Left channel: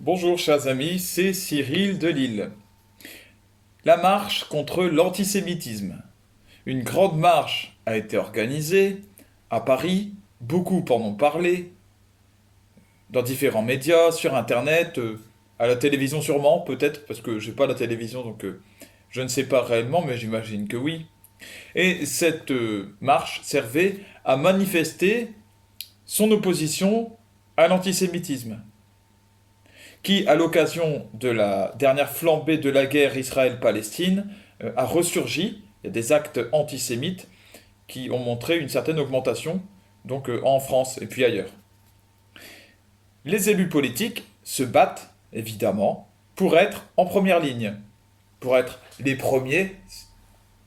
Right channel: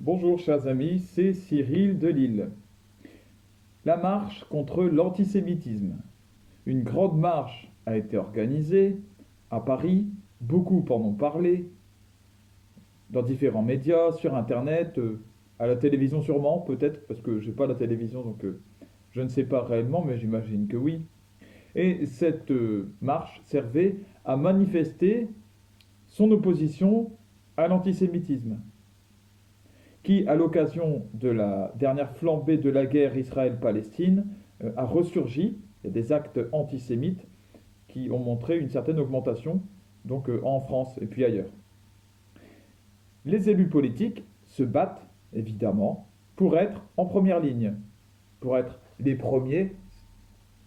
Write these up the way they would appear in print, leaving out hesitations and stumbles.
Bonjour chers amis, c'est Cyril de Lille. La marche contre l'antisémitisme. Une grande marche a été organisée à Paris, beaucoup en ont parlé, dans différents médias, sur internet, à la télévision sûrement, peut-être, parce que j'ai pas la télévision donc je ne sais pas réellement, mais j'imagine que oui. Et cette marche servait à manifester son opposition à l'antisémitisme, qui, à l'occasion de la dernière flambée de la guerre Israël-Palestine, a ressurgi. Il y a des actes antisémites qui ont montré une certaine augmentation, donc en France et puis ailleurs. Les élus politiques se battent, évidemment, pour être en première ligne, pour être les premiers,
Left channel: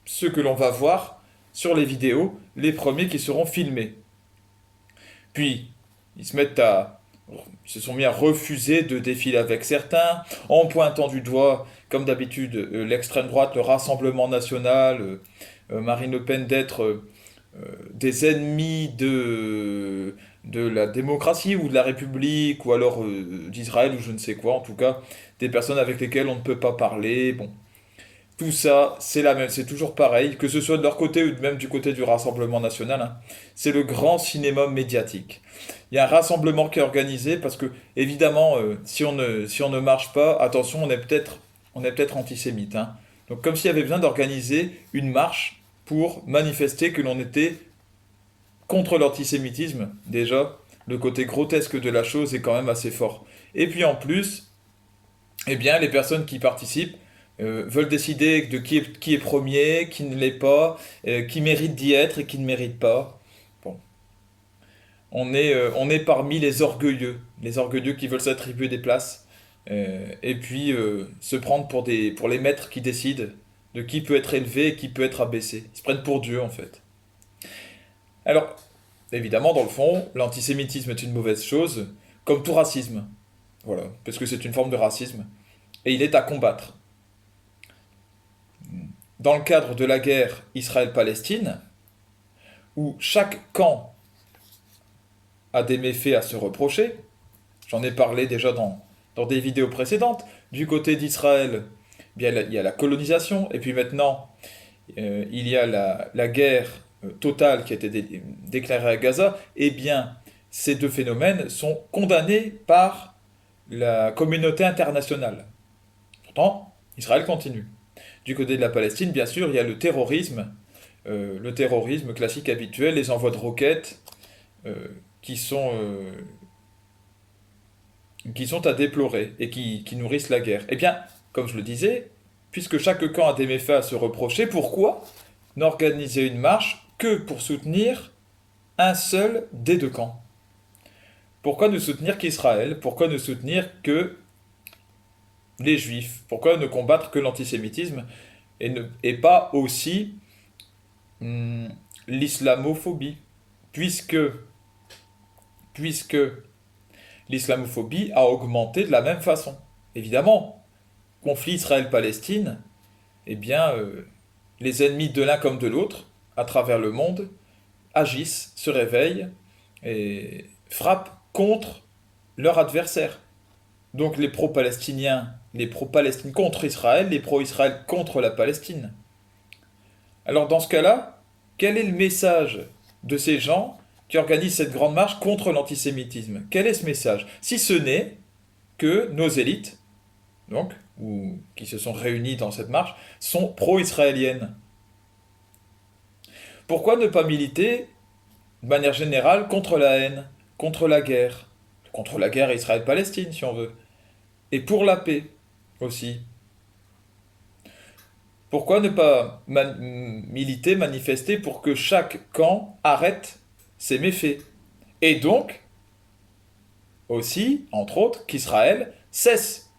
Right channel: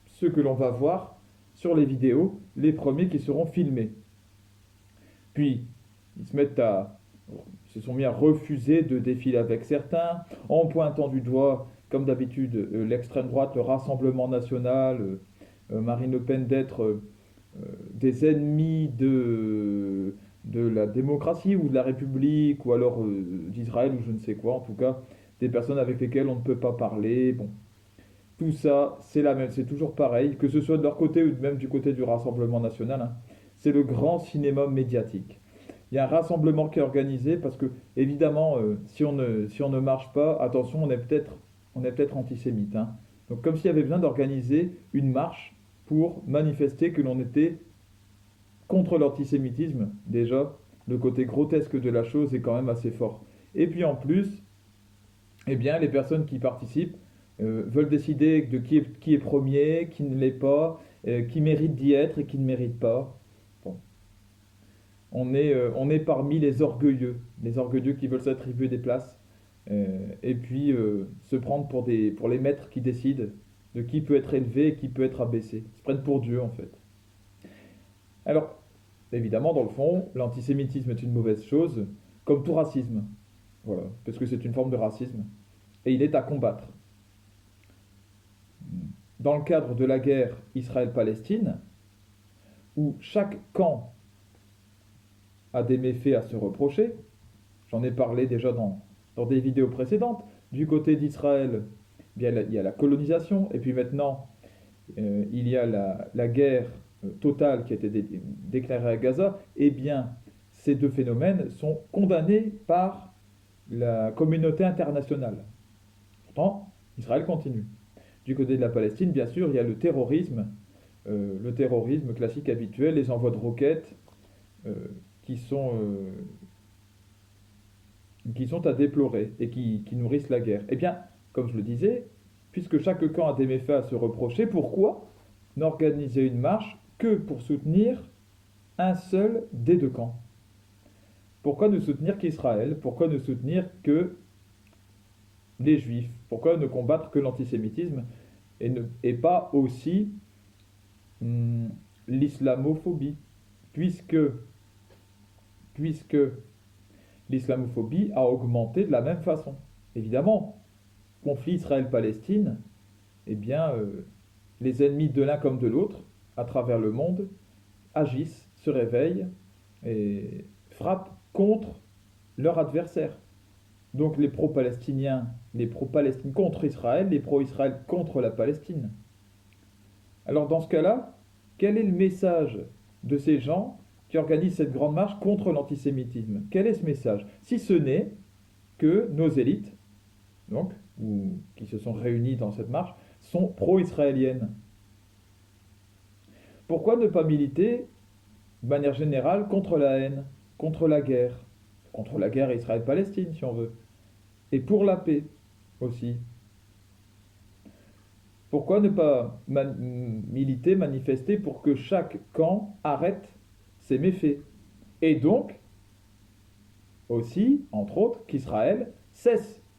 ceux que l'on va voir sur les vidéos, les premiers qui seront filmés. Puis, ils se mettent à se sont mis à refuser de défiler avec certains, en pointant du doigt, comme d'habitude, l'extrême droite, le Rassemblement national, Marine Le Pen d'être des ennemis de la démocratie ou de la République, ou alors d'Israël, ou je ne sais quoi, en tout cas, des personnes avec lesquelles on ne peut pas parler. Bon, tout ça, c'est la même, c'est toujours pareil, que ce soit de leur côté ou même du côté du Rassemblement national, hein. C'est le grand cinéma médiatique. Il y a un rassemblement qui est organisé parce que, évidemment, si on ne marche pas, attention, on est peut-être antisémite, hein. Donc, comme s'il y avait besoin d'organiser une marche pour manifester que l'on était contre l'antisémitisme, déjà, le côté grotesque de la chose est quand même assez fort. Et puis en plus, eh bien, les personnes qui participent veulent décider de qui est premier, qui ne l'est pas, qui mérite d'y être et qui ne mérite pas. Bon, on est parmi les orgueilleux qui veulent s'attribuer des places, et puis se prendre pour les maîtres qui décident de qui peut être élevé et qui peut être abaissé. Ils se prennent pour Dieu en fait. Alors, évidemment, dans le fond, l'antisémitisme est une mauvaise chose, comme tout racisme. Voilà, parce que c'est une forme de racisme. Et il est à combattre. Dans le cadre de la guerre Israël-Palestine, où chaque camp a des méfaits à se reprocher, j'en ai parlé déjà dans des vidéos précédentes, du côté d'Israël, bien, il y a la colonisation, et puis maintenant, il y a la guerre totale qui a été déclarée à Gaza, et bien, ces deux phénomènes sont condamnés par la communauté internationale. Pourtant, Israël continue. Du côté de la Palestine, bien sûr, il y a le terrorisme classique habituel, les envois de roquettes euh, qui, sont, euh, qui sont à déplorer et qui nourrissent la guerre. Eh bien, comme je le disais, puisque chaque camp a des méfaits à se reprocher, pourquoi n'organiser une marche que pour soutenir un seul des deux camps? Pourquoi ne soutenir qu'Israël? Pourquoi ne soutenir que les juifs? Pourquoi ne combattre que l'antisémitisme et pas aussi hum, l'islamophobie? Puisque, puisque l'islamophobie a augmenté de la même façon. Évidemment, conflit Israël-Palestine, eh bien, les ennemis de l'un comme de l'autre, à travers le monde, agissent, se réveillent et frappent contre leur adversaire. Donc les pro-palestiniens, les pro-Palestine contre Israël, les pro-Israël contre la Palestine. Alors dans ce cas-là, quel est le message de ces gens qui organisent cette grande marche contre l'antisémitisme? Quel est ce message? Si ce n'est que nos élites, donc, ou qui se sont réunies dans cette marche, sont pro-israéliennes. Pourquoi ne pas militer de manière générale contre la haine, contre la guerre Israël-Palestine si on veut, et pour la paix aussi? Pourquoi ne pas militer, manifester pour que chaque camp arrête ses méfaits? Et donc, aussi, entre autres, qu'Israël cesse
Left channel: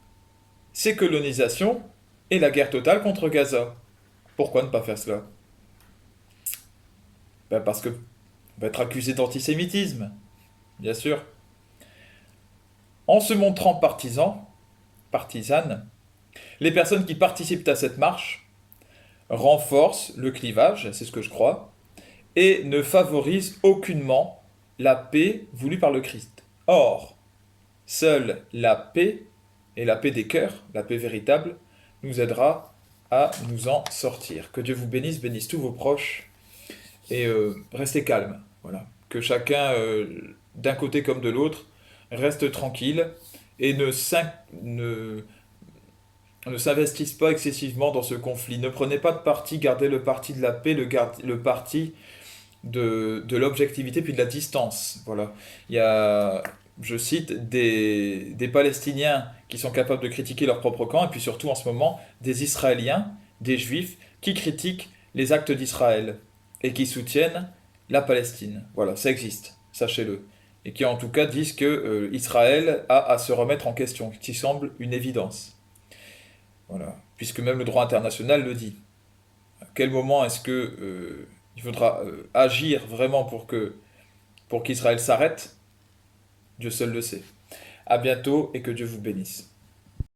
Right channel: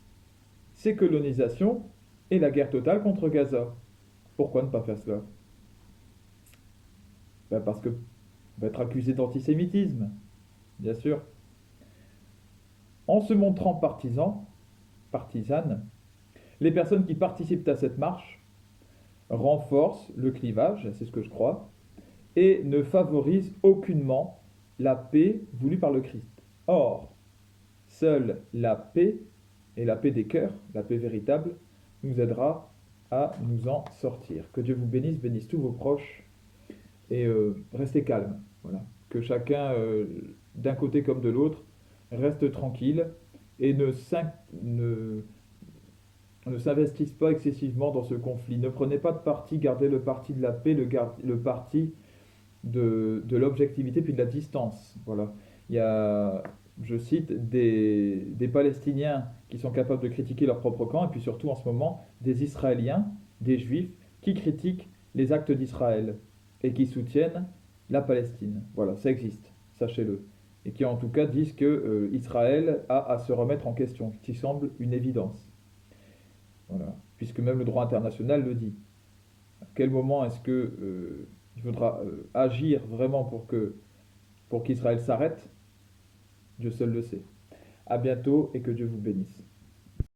ses colonisations et la guerre totale contre Gaza. Pourquoi ne pas faire cela? Ben parce que va être accusé d'antisémitisme, bien sûr. En se montrant partisanes, les personnes qui participent à cette marche renforcent le clivage, c'est ce que je crois, et ne favorisent aucunement la paix voulue par le Christ. Or, seule la paix Et la paix des cœurs, la paix véritable, nous aidera à nous en sortir. Que Dieu vous bénisse, bénisse tous vos proches et restez calme. Voilà. Que chacun, d'un côté comme de l'autre, reste tranquille et ne s'investisse pas excessivement dans ce conflit. Ne prenez pas de parti, gardez le parti de la paix, le parti de l'objectivité puis de la distance. Voilà. Il y a, je cite, des Palestiniens qui sont capables de critiquer leur propre camp, et puis surtout en ce moment, des Israéliens, des Juifs, qui critiquent les actes d'Israël et qui soutiennent la Palestine. Voilà, ça existe, sachez-le. Et qui en tout cas disent que Israël a à se remettre en question, qui semble une évidence. Voilà. Puisque même le droit international le dit. À quel moment est-ce que il faudra agir vraiment pour qu'Israël s'arrête? Dieu seul le sait. À bientôt et que Dieu vous bénisse.